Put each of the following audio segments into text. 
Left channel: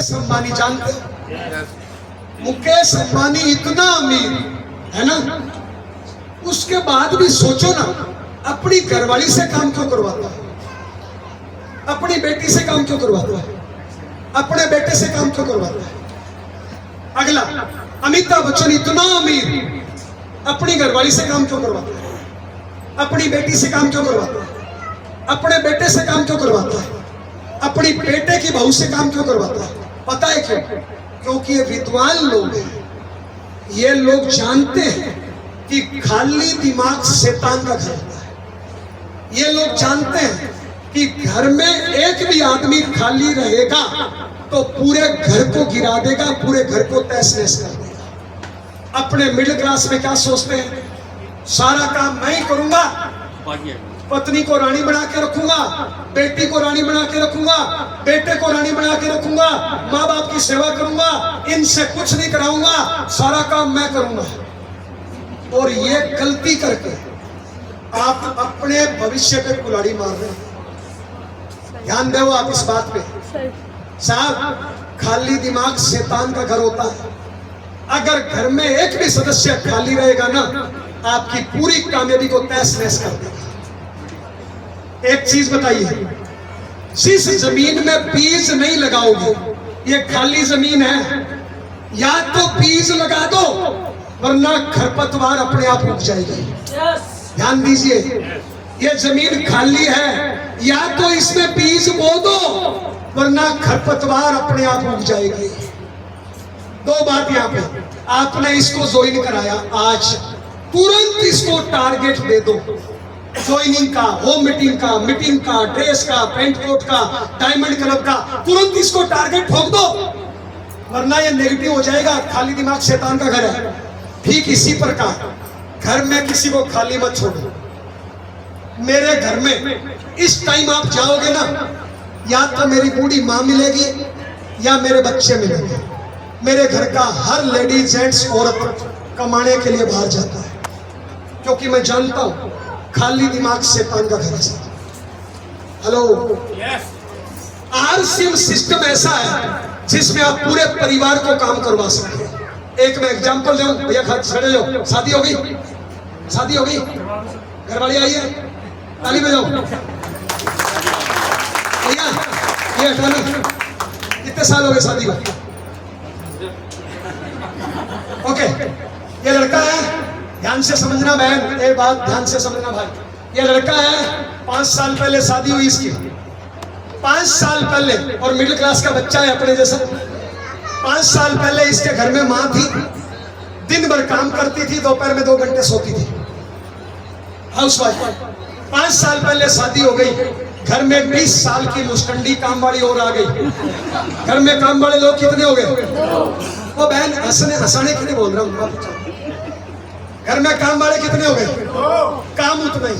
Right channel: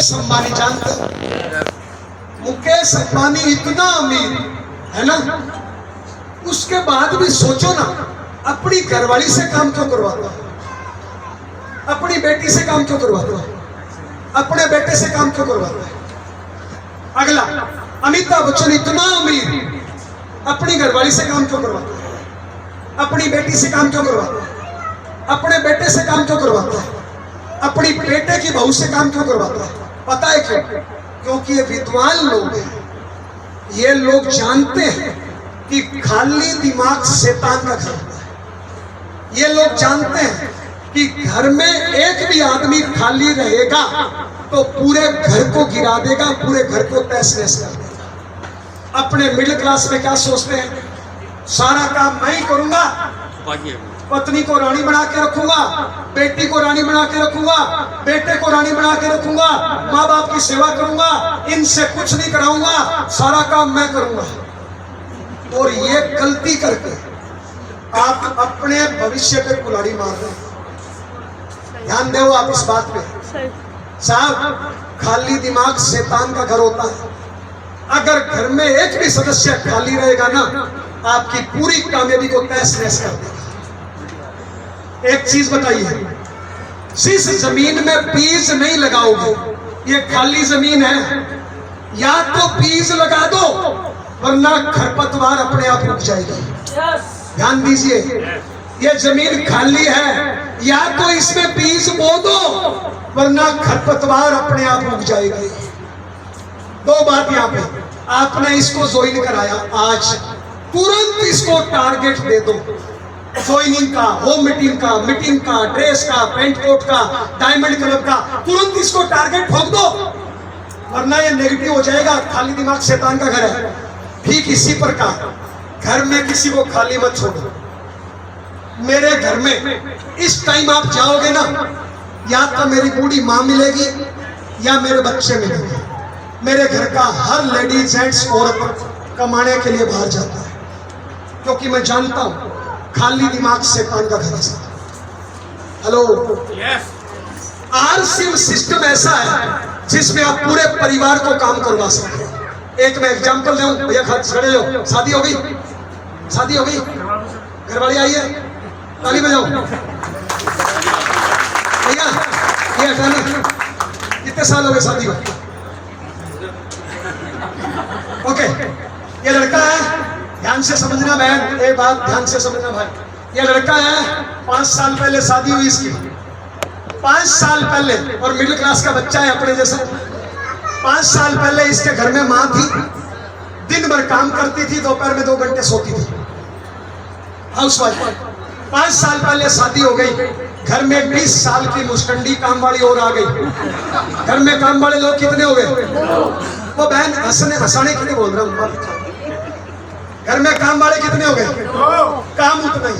मुकेश अंबानी जानते हो? मुकेश अंबानी इतना अमीर है ना, उसके बाद भी सोचो ना, अपनी घरवाली से काम क्यों करवाता है, अपनी बेटी से काम क्यों करवाता है, अपने बेटे से काम क्यों करवाता है। अगला, अमिताभ बच्चन इतना अमीर, अपनी घरवाली से काम क्यों करवाता है, अपनी बेटी से काम क्यों करवाता है, अपने बेटे से काम क्यों करवाता है, अपनी बेटे की बहू से काम क्यों करवाता है। पता है क्यों? क्योंकि ये विद्वान लोग हैं, ये लोग जानते हैं कि खाली दिमाग शैतान का घर होता है। ये लोग जानते हैं कि घर में एक भी आदमी खाली रहेगा तो पूरे घर को गिरा देगा, पूरे घर को तहस नहस कर देगा। अपने मिडिल क्लास में क्या सोचते हैं, सारा काम मैं ही करूंगा, पत्नी को रानी बना के रखूंगा, बेटी को रानी बना के रखूंगा, बेटे को रानी बना के रखूंगा, माँ बाप की सेवा करूंगा, इनसे कुछ नहीं कराऊंगा, सारा काम मैं करूंगा। और ये गलती करके आप अपने भविष्य पे कुल्हाड़ी मार रहे हो। ध्यान दो आप इस बात पे साहब, खाली दिमाग शैतान का घर होता है। अगर घर में एक भी सदस्य खाली रहेगा ना, आपकी पूरी कामयाबी को तहस नहस कर देगा। एक चीज बताइए, जिस जमीन में बीज नहीं लगाओगे, ये खाली जमीन है, या तो बीज लगा दो वरना खरपतवार अपने आप उग जाएगी। ध्यान दीजिए, ये जमीन खाली है, या तो इसमें बीज बो दो वरना खरपतवार अपने आप उग जाएगी। दो बात यहाँ पे, आपने इसको ज्वाइन कराया, आज तुरंत इसको टारगेट दे दो, ज्वाइनिंग का, होम मीटिंग का, ड्रेस का, पेंट कोट का, डायमंड क्लब का, तुरंत इसको टारगेट ठोक दो वरना ये नेगेटिव हो जाएगा। खाली दिमाग शैतान का घर है। ठीक इसी प्रकार घर में किसी को खाली मत छोड़ो। मेरे घर में इस टाइम आप जाओगे ना, या तो मेरी बूढ़ी माँ मिलेगी या मेरे बच्चे मिलेंगे। मेरे घर का हर लेडी जेंट्स औरत कमाने के लिए बाहर जाता है, क्योंकि मैं जानता हूं खाली दिमाग शैतान का घर है। हेलो, आरसीएम सिस्टम ऐसा है जिसमें आप पूरे परिवार को काम करवा सकते हैं। एक मैं एग्जांपल दूं, भैया खड़े हो, शादी हो गई, शादी हो गई, घरवाली आई है, ताली बजाओ भैया। ये हटाना, कितने साल हो गए शादी को? ओके, ये लड़का है, ध्यान से समझना बहन, ये बात ध्यान से समझना भाई। ये लड़का है, 5 साल पहले शादी हुई इसकी, 5 साल पहले, और मिडिल क्लास का बच्चा है अपने जैसे। 5 साल पहले इसके घर में माँ थी, दिन भर काम करती थी, दोपहर में 2 घंटे सोती थी, हाउसवाइफ। 5 साल पहले शादी हो गई, घर में 20 साल की मुस्टंडी काम वाली और आ गई। घर में काम वाले लोग कितने हो गए? वो बहन हंसाने के लिए बोल रहा हूँ। घर में काम वाले कितने हो गए? काम उतना ही।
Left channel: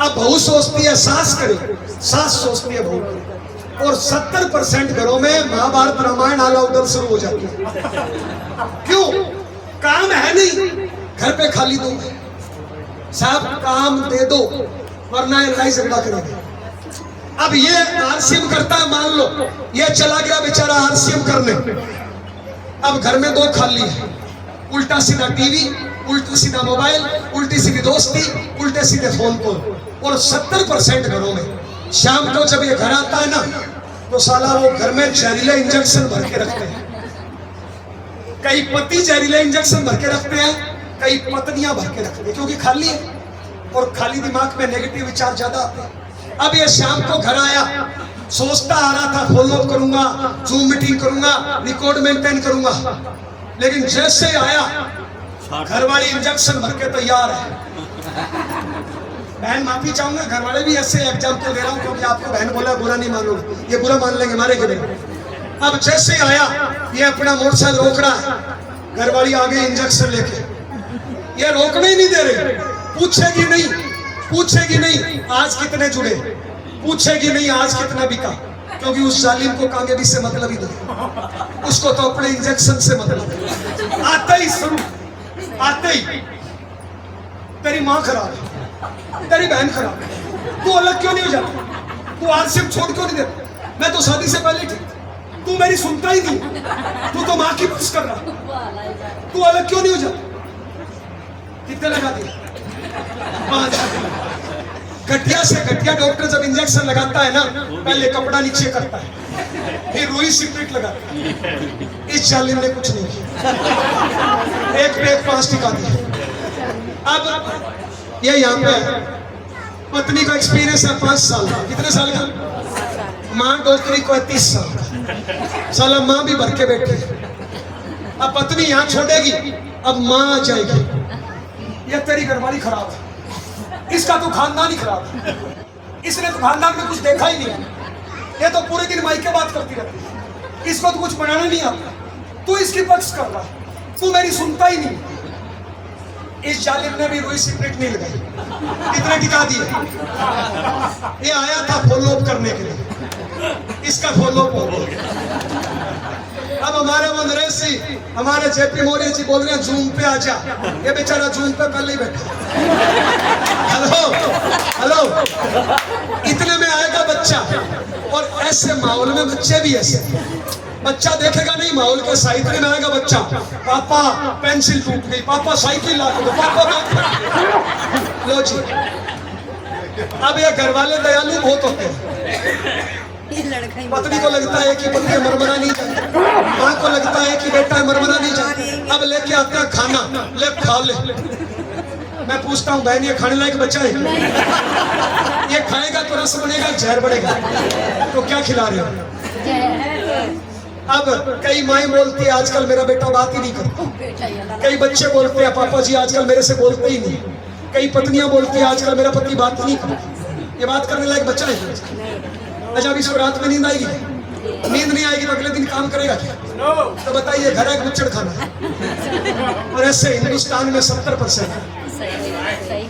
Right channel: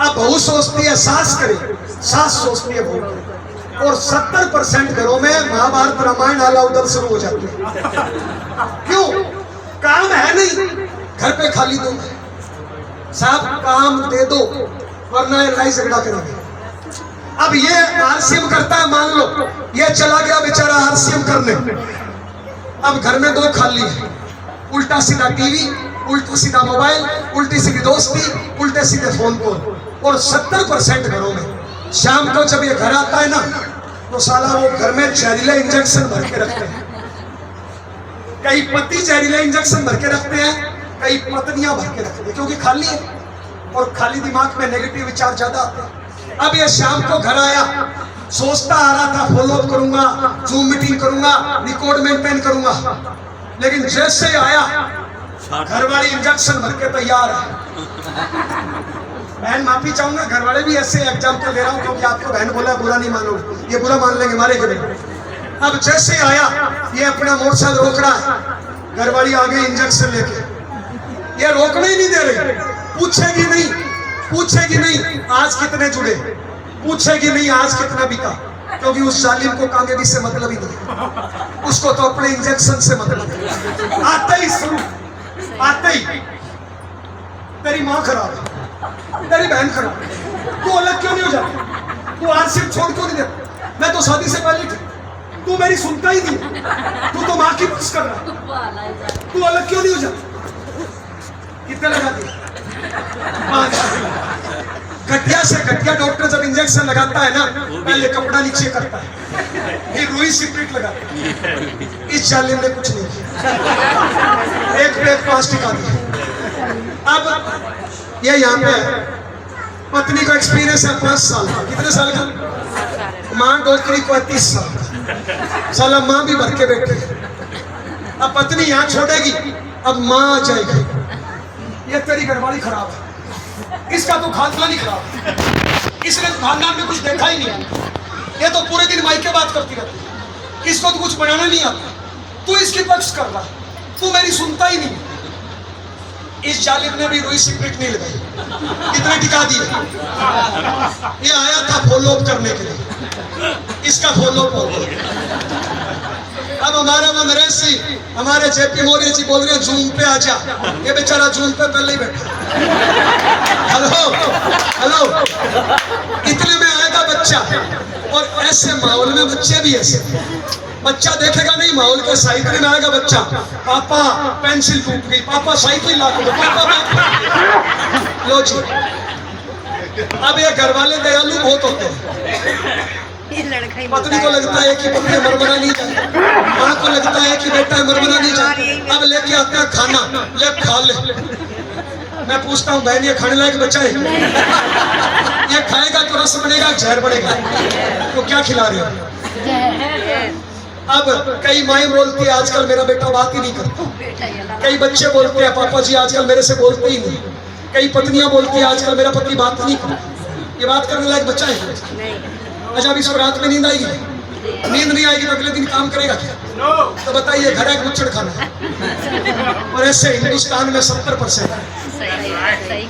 अब बहू सोचती है सास करे, सास सोचती है बहू करे, और 70% घरों में महाभारत रामायण आला उदल शुरू हो जाती है। क्यों? काम है नहीं, घर पे खाली दो साहब, काम दे दो वरना लड़ाई झगड़ा करेंगे। अब ये आरसीएम करता है, मान लो ये चला गया बेचारा आरसीएम करने, अब घर में 2 खाली है, उल्टा सीधा टीवी, उल्टा सीधा मोबाइल, उल्टी सीधी दोस्ती, उल्टे सीधे फोन कॉल। और 70% घरों में शाम को जब ये घर आता है ना, तो साला वो घर में जहरीले इंजेक्शन भर के रखते हैं। कई पति जहरीले इंजेक्शन भर के रखते हैं, कई पत्नियां भर के रखती है, क्योंकि खाली है और खाली दिमाग में नेगेटिव विचार ज्यादा आते हैं। अब ये शाम को घर आया, सोचता आ रहा था फॉलो अप करूंगा, जूम मीटिंग करूंगा, रिकॉर्ड मेंटेन करूंगा, लेकिन जैसे आया घरवाली इंजेक्शन भर के तैयार है। बहन माफी चाहूंगा, घरवाले भी ऐसे एग्जाम्पल दे रहा हूं क्योंकि आपको बहन बोला बुरा नहीं मानोगे, ये बुरा मान लेंगे मारे के बिना। अब जैसे आया, ये अपना मोटरसाइकिल रोक रहा है, घरवाली आ गई इंजेक्शन लेके, ये रोकने ही नहीं दे रही, पूछेगी नहीं आज कितने जुड़े, पूछेगी नहीं आज कितना बिका, क्योंकि उस जालिम को कामयाबी से मतलब ही नहीं, उसको तो अपने इंजेक्शन से मतलब है। आते ही शुरू, आते ही तेरी माँ खराब है, तेरी बहन खराब है, तू अलग क्यों नहीं हो जाता, तू आरसीएम छोड़ क्यों नहीं देता, मैं तो शादी से पहले ठीक, तू मेरी सुनता ही नहीं, तू तो माँ की बस कर रहा, तू अलग क्यों नहीं हो जाता? कितने लगा दिए? 5। घटिया से घटिया डॉक्टर जब इंजेक्शन लगाता है ना, पहले कपड़ा नीचे करता है, फिर रुई सिगरेट लगाता है। इस जालिम ने कुछ नहीं किया, एक पे एक 5 टिका दिया। अब ये यहाँ पे है, पत्नी का एक्सपीरियंस है 5 साल का। कितने साल का? माँ डॉक्टरी को 30 साल का। साला माँ भी भर के बैठी। अब पत्नी यहाँ छोड़ेगी, अब माँ आ जाएगी। ये तेरी घरवाली खराब है, इसका तो खानदान ही खराब है, इसने तो खानदान में कुछ देखा ही नहीं। ये तो पूरे दिन माई के बात करती रहती है, इसको तो कुछ बनाना नहीं आता, तू इसकी पक्ष कर रहा, तू मेरी सुनता ही नहीं। इस जालिम ने भी रुई सिगरेट नहीं लगाई, कितने टिका दिए। ये आया था फॉलो अप करने के लिए, इसका फॉलो अप हो गया। अब हमारे वो नरेश जी, हमारे जेपी मौर्य जी बोल रहे हैं जूम पे आ जा, ये बेचारा जूम पे पहले ही बैठा। हेलो हेलो, इतने में आएगा बच्चा, और ऐसे माहौल में बच्चे भी ऐसे, बच्चा देखेगा नहीं माहौल के साइकिल में आएगा बच्चा, पापा पेंसिल टूट गई, पापा साइकिल ला दो, पापा लो जी। अब ये घर वाले दयालु बहुत होते हैं, पत्नी को लगता है कि पत्नी मरमरा नहीं जाए, माँ को लगता है कि बेटा मरमरा नहीं जाए। अब लेके आते हैं खाना, ले खा ले। मैं पूछता हूँ बहन ये खाने लायक बच्चा है? ये खाएगा तो रस बनेगा, जहर बनेगा, तो क्या खिला रहे हो? अब कई माएँ बोलती है आजकल मेरा बेटा बात ही नहीं करता, कई बच्चे बोलते हैं पापा जी आजकल मेरे से बोलते ही नहीं, कई पत्नियां बोलती है आजकल मेरा पति बात नहीं करता। ये बात करने लायक बच्चा है? अच्छा अब इसको रात में नींद आएगी? नींद नहीं आएगी तो अगले दिन काम करेगा क्या? तो बताइए, घर है गुच्छड़ खाना। और ऐसे हिंदुस्तान में 70% है।